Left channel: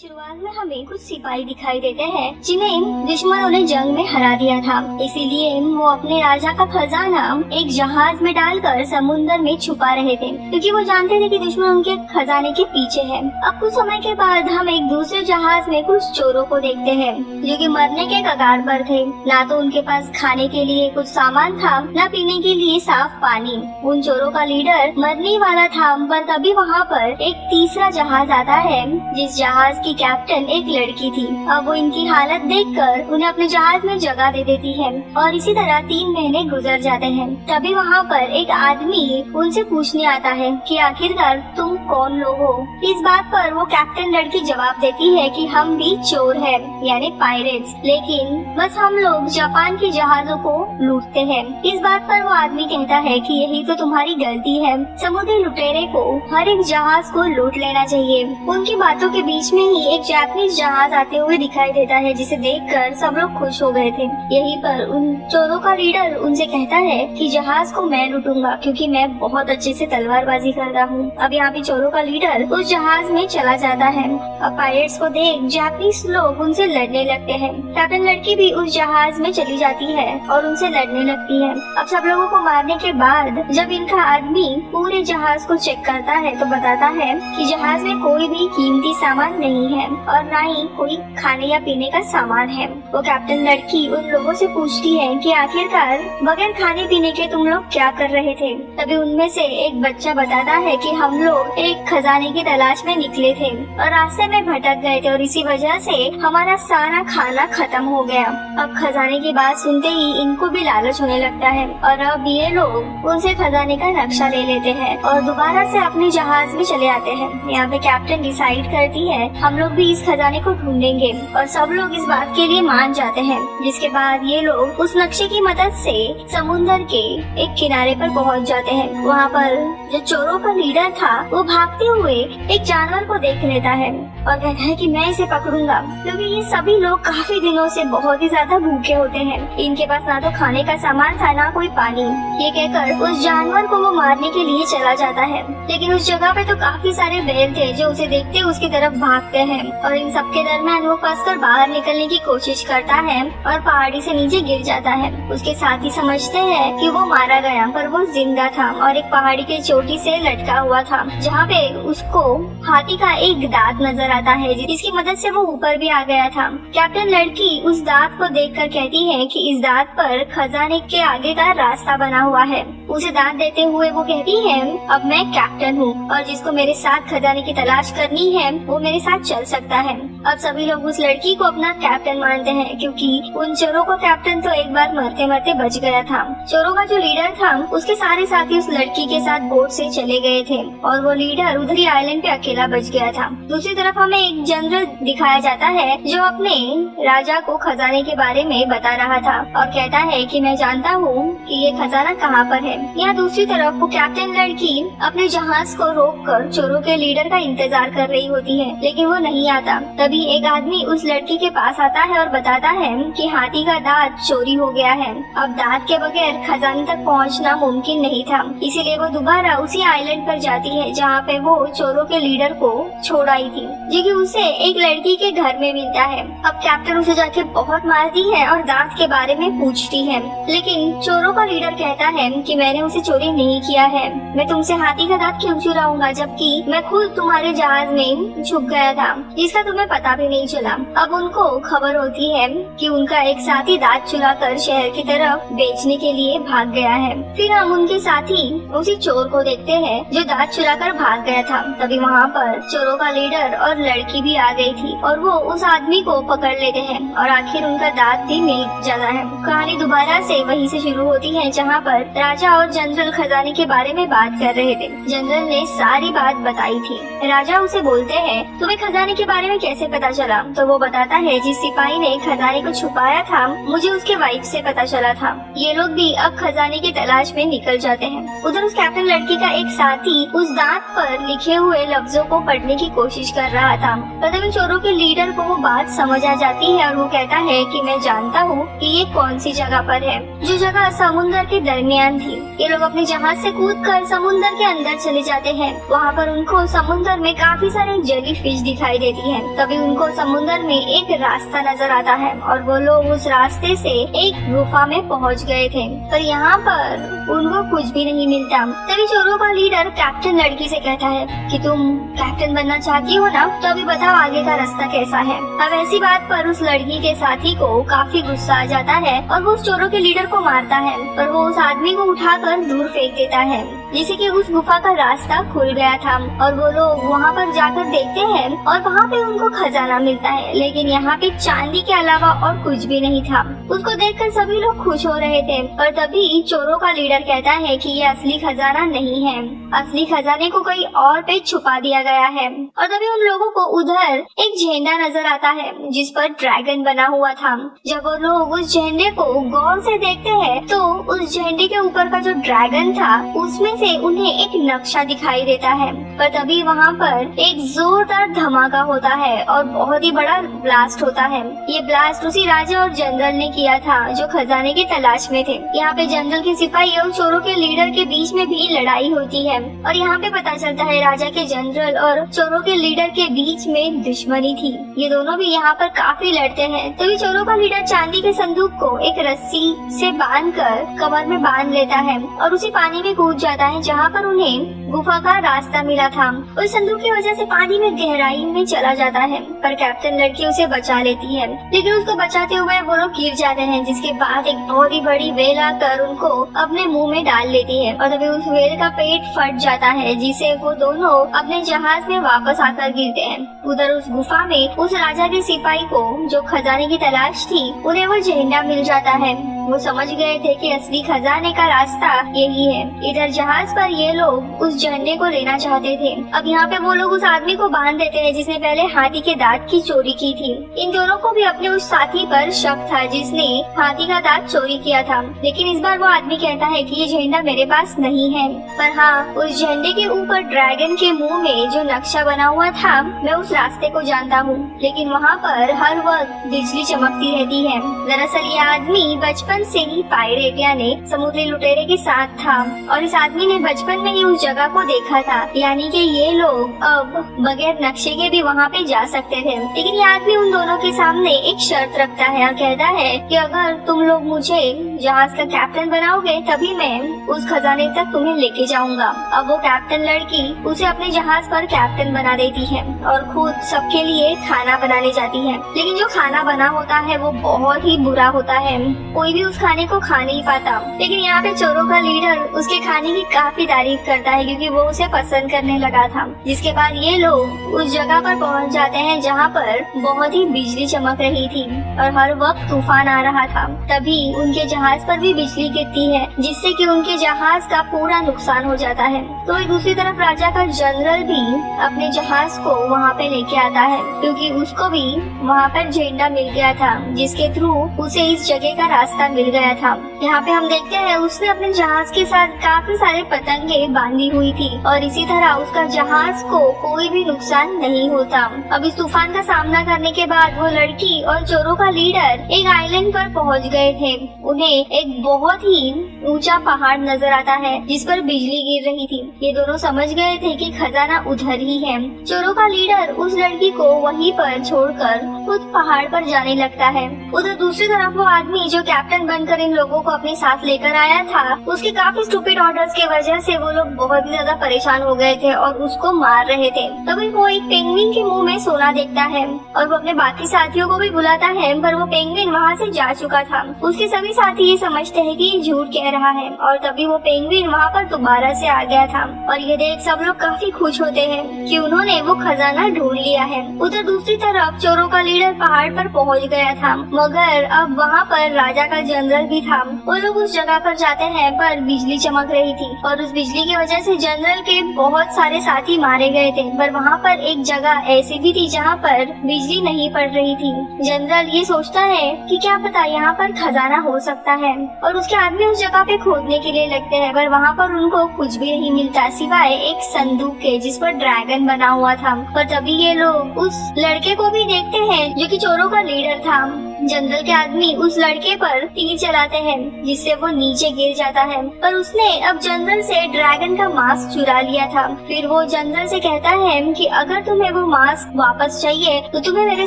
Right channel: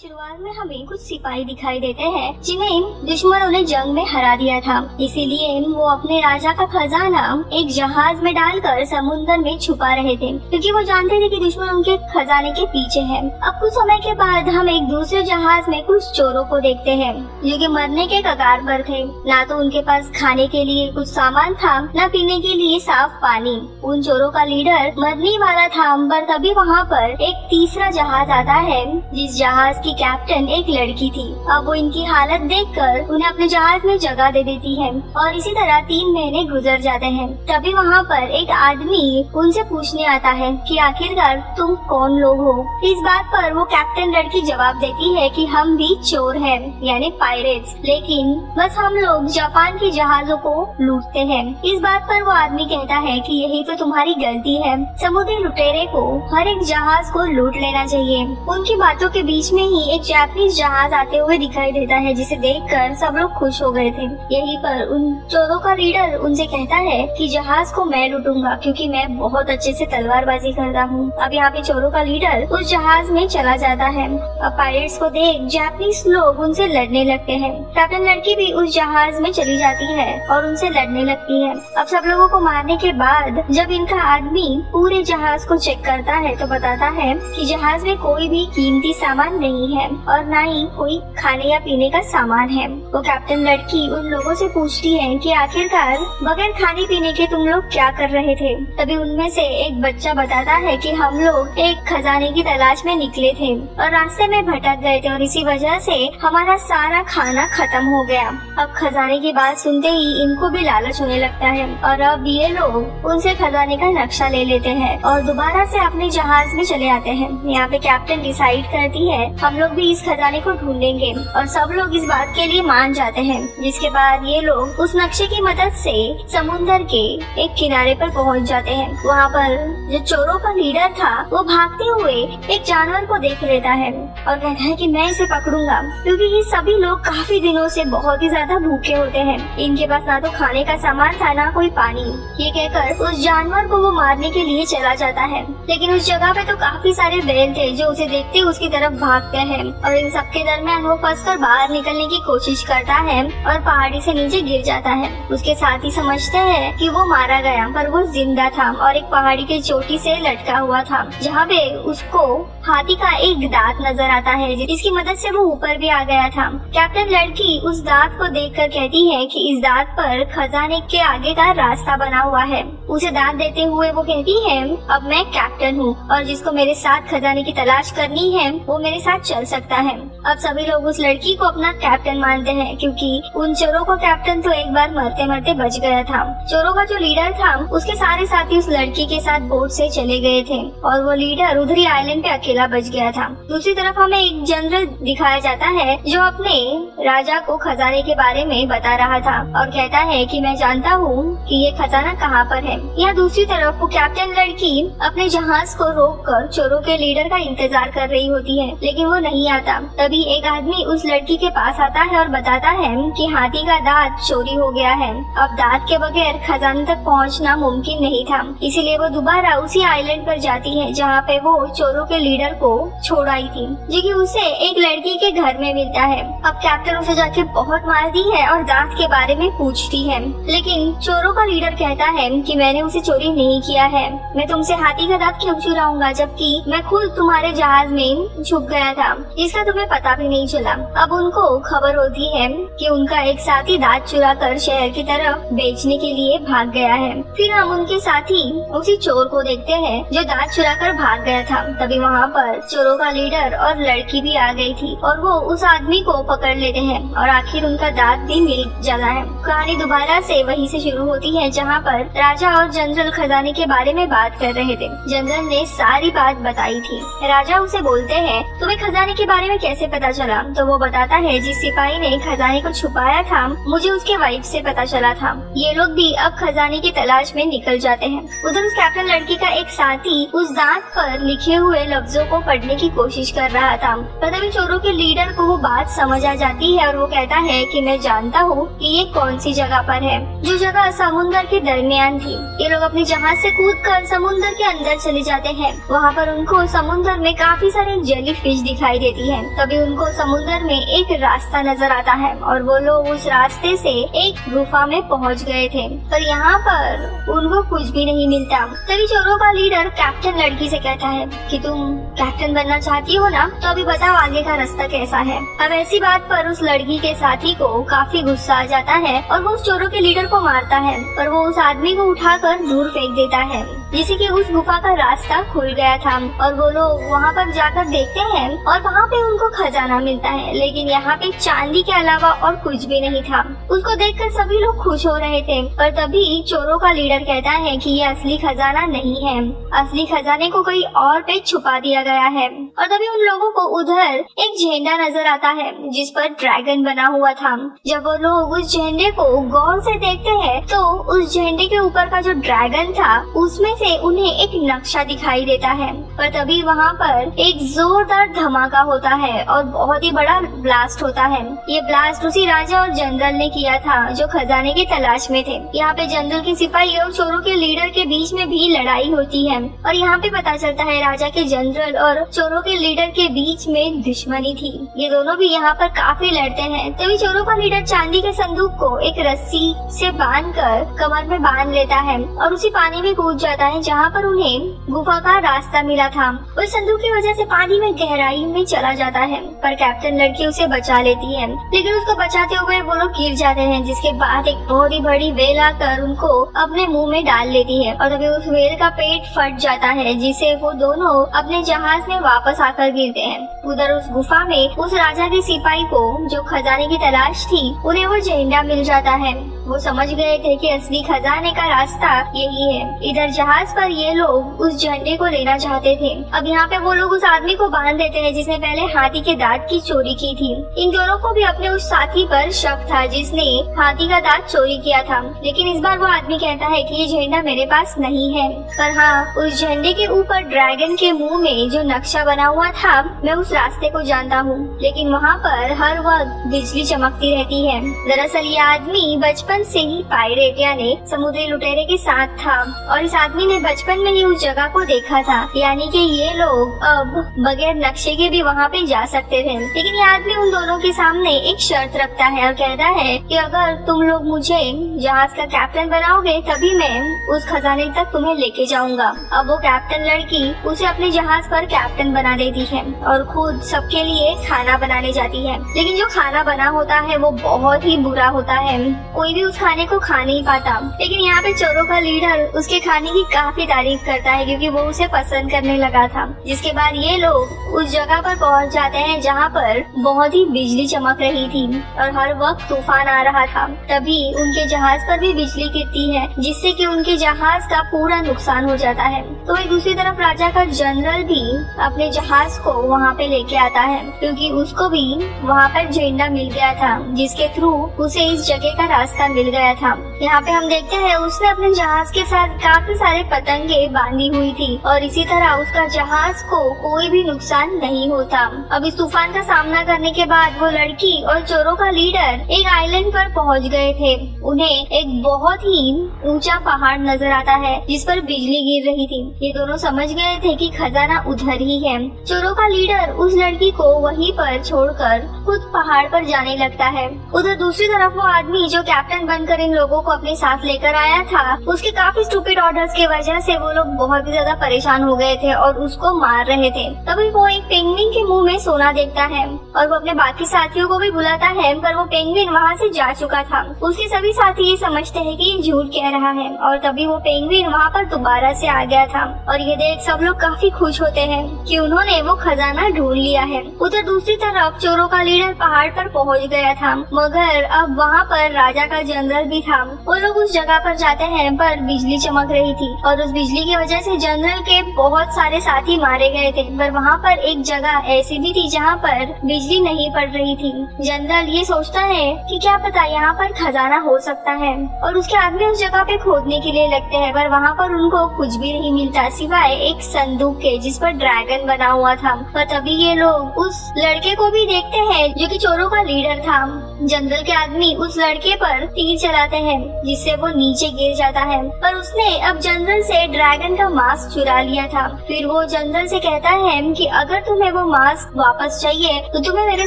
शुरुआत में हमें कुछ सिपाही दिखाई देते हैं जिन्हें दुश्मनों ने जंग में हरा दिया था। इसीलिए वो अपने राजा का खजाना एक जहाज में डालकर समुद्र में छुपा रहे थे, क्योंकि वो जानते थे कि दुश्मन उनके खजाने के पीछे है। अब कुछ समय के बाद हम एक दूसरे जहाज में कुछ चोरों को देखते हैं जो कि मरने के कगार पर थे। ना तो उनके पास खाने के लिए कुछ सामान था, न पीने के लिए साफ पानी। उन चोरों का लीडर मरने वाला था, पर तभी वहाँ पर एक तीसरा जहाज आता है जिस जहाज की कैप्टन एक लड़की थी। अब वो इनकी हालत देखकर उन्हें अपने जहाज में जगह दे देती है और इसी तरह 3 महीने गुजर जाते हैं। तभी वहाँ पर एक आदमी उनसे पूछने आता है कि आखिरकार तुम कौन लोग हो। इस बात पर वो कैप्टन लड़की जवाब देती है कि हम भी चोर हैं, यानी पायरेट्स, लेकिन बस हम लोग जापान के जहाजों को लूटते हैं। इस बात पर वो आदमी कहता है कि यही तो तुम्हारी गलती है, समुद्री लुटेरे को हर एक जहाज को लूट लेना चाहिए। उनकी बातों के बीच में ही एक जापानीज जहाज आते हुए दिखाई देता है, जिसे देखकर सब लोग खुश हो गए थे। यहीं पर उन चोरों का लीडर उनसे कहता है कि जहाज को मैं लूटूंगा क्योंकि मैं बहुत अच्छे से तलवारबाजी करता हूँ। अब यहाँ पे चोरों का लीडर उस जहाज में चला जाता है। अब पायरेट्स को देख जापानीज लोग उनसे लड़ने लगते हैं। कैप्टन लड़की भी उस जहाज में चली जाती है और उनसे लड़ने लगती है। अब सब लोगों को मारने के बाद जब इनका आदमी पूरे जहाज को चेक करता है तो बताता है कि जहाज में कोई भी कीमती सामान नहीं है और न ही कोई खाने या पीने का सामान है। वो कैप्टन लड़की उन लोगों से पूछती है कि आखिरकार बगैर खाने पीने के तुम लोग क्या कर रहे थे। तभी उनमें से एक बच्चा बताता है कि हम लोग एक खजाने की तलाश में निकले थे और रास्ते में भटक गए थे और इसी वजह से हमारा सारा खाना खत्म हो गया। अब खजाने की बात सुनते ही इनको भी लालच होने लगता है और अब ये लोग उनसे खजाने का नक्शा ले लेते हैं और दोबारा से अपने जहाज में चले आते हैं। यहाँ पे कैप्टन डिसाइड करती है हम लोग भी इस खजाने को ढूंढेंगे और सब लोग इस बात के लिए मान जाते हैं। जिसके बाद ये लोग उस नक्शे की मदद से समुद्र के एक किनारे पर पहुँच जाते हैं। वहाँ पर जो चोरों का लीडर था वो भागते हुए एक जानवर को देख लेता है और कहता है कि मैं इसे पकड़ूंगा, क्योंकि ये सभी लोग काफी दिनों से बहुत ही ज्यादा भूखे होते हैं। इनके पास ना तो खाने का सामान था ना कोई पानी। ये कहकर उस जानवर को वो मारने के लिए चला जाता है, लेकिन उस जगह पे तो काफी सारे बैल थे जो उसे देखते उसकी तरफ भागते हैं और इन सबके दरमियान वो फंसकर बाहर निकलने की कोशिश करता है और पहाड़ी से नीचे गिर जाता है। उसके साथी समझते हैं कि वो मारा गया, पर वो जिंदा था और एक पहाड़ी की चोटी से लटका हुआ था, जहाँ पे उसको हाथी का एक दांत नजर आता है जिसकी मदद से वो ऊपर भी आ गया था। कैप्टन लड़की उस दांत को देखकर कहती है कि इस दांत पर खजाने के आगे का रास्ता बना हुआ है। उसे दांत देते हुए वो कहती है अब मैं कैप्टन हूँ और जिसको मेरे साथ खजाने की तलाश करनी है वो मेरे साथ चल सकता है। अब सभी लोग उस लड़की को अपना कैप्टन मानते हैं, क्योंकि उन चोरों को कैप्टन तो एक बार मरते मरते बच गया था। चोरों का जो लीडर था उसके सारे साथी उस लड़की के साथ बोट से चले गए थे और वो लीडर उधरी आइलैंड पे अकेला बच गया था। दूसरी तरफ हमें एक जनरल दिखाया जाता है जो अपने राजा को खजाने के बारे में बता रहा था और कहता है कि मैं जानता हूँ कि ये खजाना कहाँ पर है। यहाँ दूसरी तरफ वो कैप्टन लड़की अपने जहाज को रोककर चोरों के लीडर का इंतजार कर रही होती है, लेकिन वो नहीं आता। तभी एक आदमी उस लड़की के पास आता है और बताता है कि हाथी का दांत चोरी हो गया है। अब दांत के बगैर खजाने तक पहुँचना मुमकिन नहीं था, इसीलिए वो दोबारा उसी आइलैंड पर जाती है जहाँ पे वो चोरों के लीडर को छोड़ आई थी, जो कि उसे एक लड़की के घर में मिलता है। अब कैप्टन उसे जाके बहुत मारती है और दांत के बारे में पूछती है, लेकिन चोरों का लीडर कहता है कि मैंने उसे चोरी नहीं किया है, मैं तुमसे हाथी का दांत क्यों चुराऊंगा जबकि मैं खुद तुम्हारे जहाज में छुप गया था जिसका तुम्हें पता भी नहीं चला। अब उनको खबर होती है कि उनका एक साथी दांत चुरा कर शहर की तरफ बेचने के लिए भाग गया है। फिर हम उनके साथी उसी चोर को देखते हैं जो दांत चुरा कर भाग गया था। तभी वहाँ पर चोरों का लीडर और लड़की भी आ गई थी और वो उस आदमी को पकड़ लेते हैं और आखिर उनका दांत भी मिल जाता है। कहानी दोबारा से वहीं से शुरू होती है जहाँ पर राजा और जनरल खजाने के बारे में बात कर रहे थे। जनरल ने सारी बात बताई थी। राजा उसे बोलते हैं तुम्हें खजाने के बारे में कैसे पता चला? तो वो बताता है जिस सिपाही ने खजाने को छुपाया था मुझे उसके वाइफ से पता चला था। ये लोग भी अब खजाने की तलाश में निकल जाते हैं। उधर उस कैप्टन लड़की का एक साथी उस दांत पर लिखे हुए लफ्जों को पढ़ने की कोशिश कर रहा था। तभी चोरों के लीडर को वो बात समझ आ जाती है और वो कहता है कि मैं जानता हूँ कि ये कौन सी जगह पर है, जो जगह समुद्र के दरमियान थी। ये लोग अपने जहाज से कूदकर समुद्र के अंदर चले जाते हैं। वहाँ पर उनको समुद्र में काफी सारे जेली फिश दिखाई दिखाई देती है। तभी उनको समुद्र में एक रास्ता नजर आता है और वो लोग उस रास्ते से एक गुफा में पहुंच गए थे, पर यहाँ पर उनको कुछ भी नहीं मिलता। तभी चोरों का लीडर कैप्टन लड़की से कहता है कि तुम कैप्टन बनना चाहती हो ना, तो अभी बताओ आगे का रास्ता कैसा है। अब ऐसी बात पर उस लड़की के साथी को काफी गुस्सा आ जाता है और वो उस चोरों के लीडर को मारता है, पर वो उस आदमी को उठाकर दूर फेंक देता है, जिससे कि उस गुफा का रास्ता खुल गया था। और वो लोग वहाँ पर जाकर देखते हैं और वहाँ पे उनको खजाना मिलता है, लेकिन यहाँ पे चांदी के अलावा और कुछ भी नहीं था। उसको देखकर सभी लोग खुश हो रहे थे, पर तभी चोरों का लीडर कहता है कि ये असली खजाना नहीं है, असली खजाने को कहीं और पे छुपा दिया गया है। और तभी उन लोगों को उधर एक झंडा नजर आता है जिस पर ड्रैगन बना हुआ था। जब वो लोग उस झंडे को गौर से देखते हैं तो उस झंडे के ऊपर का जो ड्रैगन था उसमें से उन्हें एक नक्शा दिखाई देता है। पर तभी वहाँ पर एक जोरदार धमाका होता है और बहुत ही बड़ा ब्लास्ट होता है। ये ब्लास्ट उसी राजा और जनरल ने किया था जो खजाने की तलाश में थे। यहाँ पे जनरल के सिपाही और चोरों के लीडर के बीच में भी लड़ाई होती है और यहाँ पे पता चलता है राजा के जनरल और चोरों के लीडर के बीच में दुश्मनी थी। ये दोनों भी यहाँ पर काफी लड़ते हैं। तभी चोरों का लीडर चांदी के संदूक को एक रस्सी से बांधकर कमर में बांध लेता है और उसी पानी में कूद जाता है जहाँ पर उन्हें गुफा का रास्ता मिला था। उस संदूक की वजह से पानी में गहराई में चला जाता है, पर कैप्टन लड़की उसे बचा लेती है, लेकिन उसको बचाते हुए वो लोग गिर जाते हैं, जिसके बाद एक बहुत ही बड़ी वेल आकर उनको अपने मुंह में डाल लेती है और तभी उस वेल का पेट फट जाता है, जिससे वो दोनों अपने जहाज में वापस आकर गिरते हैं। उधर उस गुफा में उस राजा के सिपाही को जो खजाने की तलाश थी उन्हें वो झंडा मिल जाता है। वो समझ गए थे कि असली खजाने का रास्ता यही है। इधर जहाज पर ये लोग उस झंडे को लेना चाहते थे। अब यहाँ पे वो लोग उस आदमी को बांध देते हैं जिसने पहले हाथी के दांत की चोरी की थी। इन दोनों को भी अपने उस साथी पर शक था जिसने हाथी का दांत चोरी किया था, लेकिन इस बार वो आदमी कहता है कि ये झंडा मेरे पास नहीं है, पर हाँ उस झंडे के ऊपर ड्रैगन के मुंह में जो नक्शा बना हुआ था मैं उस रास्ते को जानता हूँ, लेकिन वहाँ पर हर वक्त बिजली चमकती रहती है। दरअसल ये आदमी बचपन से ही पायरेट यानी समुद्री लुटेरे के साथ था और इस आदमी ने बचपन में ही उस जगह को देखा था, यानी कि ये लोग अब बगैर नक्शे के भी वहाँ पे जा सकते थे। लेकिन ये आदमी उन दोनों के सामने एक शर्त रखता है और कहता है कि अगर तुम लोग मुझे जहाज का कैप्टन बनाओगे तभी मैं उस खजाने तक तुम्हें लेके जाऊंगा। अब वो कैप्टन लड़की उसे अपने जहाज पर कैप्टन बना देती है और खुद सबके लिए खाना बनाने जाती है, लेकिन जो खाना बना होता है वो बहुत ही बुरा होता है, कोई भी उस खाने को खा नहीं पाता। लेकिन यहाँ पे चोरों का लीडर उसके खाने की काफी तारीफ करता है क्योंकि वो उसे पसंद करने लगा था। जिसके बाद ये लोग उस जगह पर पहुँच जाते हैं जहाँ पर बहुत ही बिजली चमक रही थी और हर वक्त तूफान आ रहा था। तभी उनके जहाज पर भी बिजली गिरती है जिससे कि उनके जहाज का पूरा नुकसान हो जाता है। तो एक दूसरी तरफ राजा का जनरल भी अपने जहाज को वहाँ पे लेके आता है क्योंकि उसको भी वहाँ पर झंडा मिल गया था जिसके थ्रू उसे इस जगह का रास्ता मिल गया था। यहाँ पे हम देखते हैं उसने अपने जहाज के साथ काफी सारे पतंगे बांधी हुई थी और इसी तरह उसका जहाज को कोई भी नुकसान नहीं होता। अब इस तूफान का सामना करने के बाद वो लड़की और चोरों का लीडर एक आइलैंड पर पहुँच गए थे। उन्हें एक बहुत ही ऊंचा पहाड़ नजर आता है जिस पर बिजली गिर रही थी। ये दोनों समझ गए थे कि खजाना उधर ही है। चोरों का लीडर उस लड़की को वहीं पर छोड़कर खुद पहाड़ पर जाने लगता है। उधर दूसरी तरफ वो आदमी जो कैप्टन बनकर इन लोगों को अपने साथ लेकर आया था उसके काफी स्टूपिड ऑर्डर्स की वजह से वो लोग बहुत ही ज्यादा परेशान हो गए थे और उसको मार रहे थे। तभी वो एक पेंगुइन के मुंह में सोना देखता है और वो अपने बाकी साथियों को भी बुलाता है, पर वो पेंगुइन वहाँ से जा चुका था। उसके सभी साथी ये समझते हैं कि ये झूठ कह रहा है और तभी वो पेंगुइन वहाँ पर दोबारा से आ गया था और ये देख सब लोग काफी खुश होते हैं कि उन्होंने वो खजाना ढूंढ लिया है। उधर दूसरी तरफ चोरों का लीडर पहाड़ पर पहुँच गया था, मगर अब वहाँ पर राजा का जनरल भी था। वो लोग उस जगह पर जाते हैं पर बिजली चमक रही थी और उस बिजली की वजह से जनरल के बहुत सारे साथी मारे गए थे, पर वहाँ पर एक जगह ऐसी भी थी जहाँ पर बिजली नहीं पड़ रही थी। जनरल ये सोचता है कि क्या पता यहाँ पर खजाना हो सकता है और उसके आदमी उस जगह पे खोदने के लिए लगते हैं, पर वहाँ पर उनको कुछ भी नहीं मिलता सिवाय एक संदूक के जिस पर ड्रैगन बना हुआ था। और तभी ये लोग उस लड़के को भी देखते हैं जो कि चोरों का लीडर था। जनरल के आदमी उस लड़के पर तीर चलाते हैं जिससे वो नीचे गिर जाता है। पर उसने अब जनरल से ड्रैगन का मास्क चुरा लिया था। फिर वो जनरल से कहता है कि अगर तुम्हें वो मास्क वापस चाहिए तो तुम्हें मेरे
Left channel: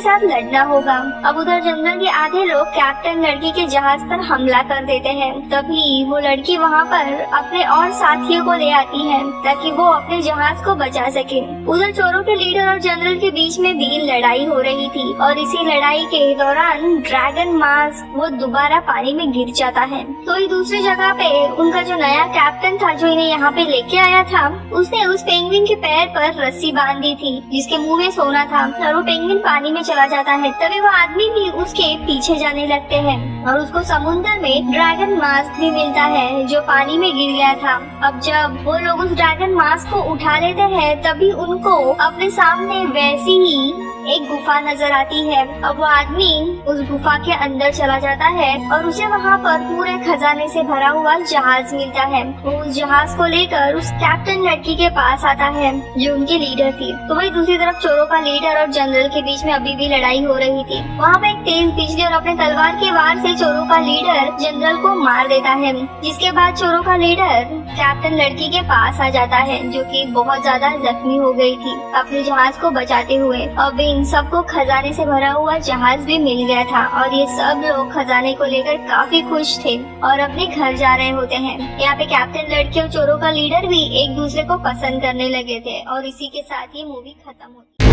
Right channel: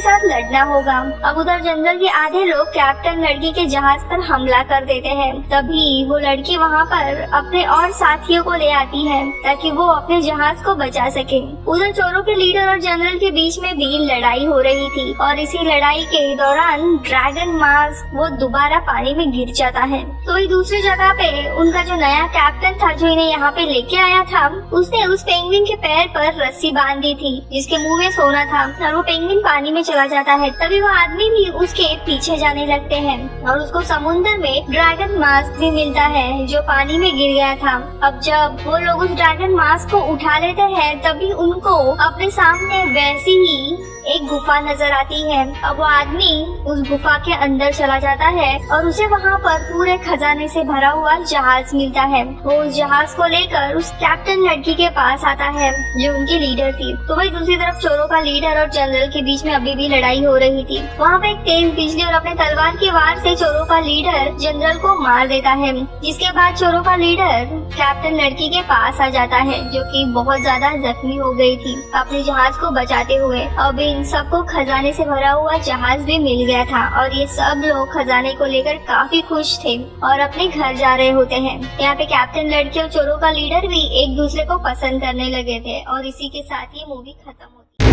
साथ लड़ना होगा। अब उधर जनरल के आधे लोग कैप्टन लड़की के जहाज पर हमला कर देते हैं। तभी वो लड़की वहाँ पर अपने और साथियों को ले आती है ताकि वो अपने जहाज को बचा सके। उधर चोरों के लीडर और जनरल के बीच में भी लड़ाई हो रही थी और इसी लड़ाई के दौरान ड्रैगन मास्क वो दोबारा पानी में गिर जाता है। तो एक दूसरी जगह पे उनका जो नया कैप्टन था जो इन्हें यहाँ पे लेके आया था, उसने उस पेंगुइन के पैर पर रस्सी बांध दी थी जिसके मुंह में सोना था और वो पेंगुइन पानी में चला जाता है। तभी वो आदमी भी उसके पीछे जाने लगते हैं और उसको समुद्र में ड्रैगन मास्क भी मिलता है जो पानी में गिर गया था। अब जब वो लोग उस ड्रैगन मास्क को उठा लेते हैं तभी उनको अपने सामने वैसी ही एक गुफा नजर आती है। अब वो आदमी उस गुफा के अंदर चला जाता है और उसे वहाँ पर पूरे खजाने से भरा हुआ जहाज मिलता है। वो उस जहाज को लेकर उस कैप्टन लड़की के पास आता है जो उनके लीडर थी। तो वही दूसरी तरफ चोरों का लीडर और जनरल के बीच में अभी भी लड़ाई हो रही थी। वहाँ पे एक तेज बिजली और अपने तलवार की वार से चोरों का लीडर जनरल को मार देता है, जिसके बाद चोरों का लीडर कैप्टन लड़की के पास आ जाता है जो कि बहुत ज्यादा जख्मी हो गई थी अपने जहाज को बचाते हुए। अब इन सबको खजाने से भरा हुआ जहाज भी मिल गया था और ये सब लोग खजाने को लेकर काफी खुश थे और अपने घर जा रहे होते हैं। यहाँ पे कैप्टन लड़की और चोरों का लीडर भी एक दूसरे को पसंद करने लगे थे और इसी के साथ ही मूवी खत्म होती है।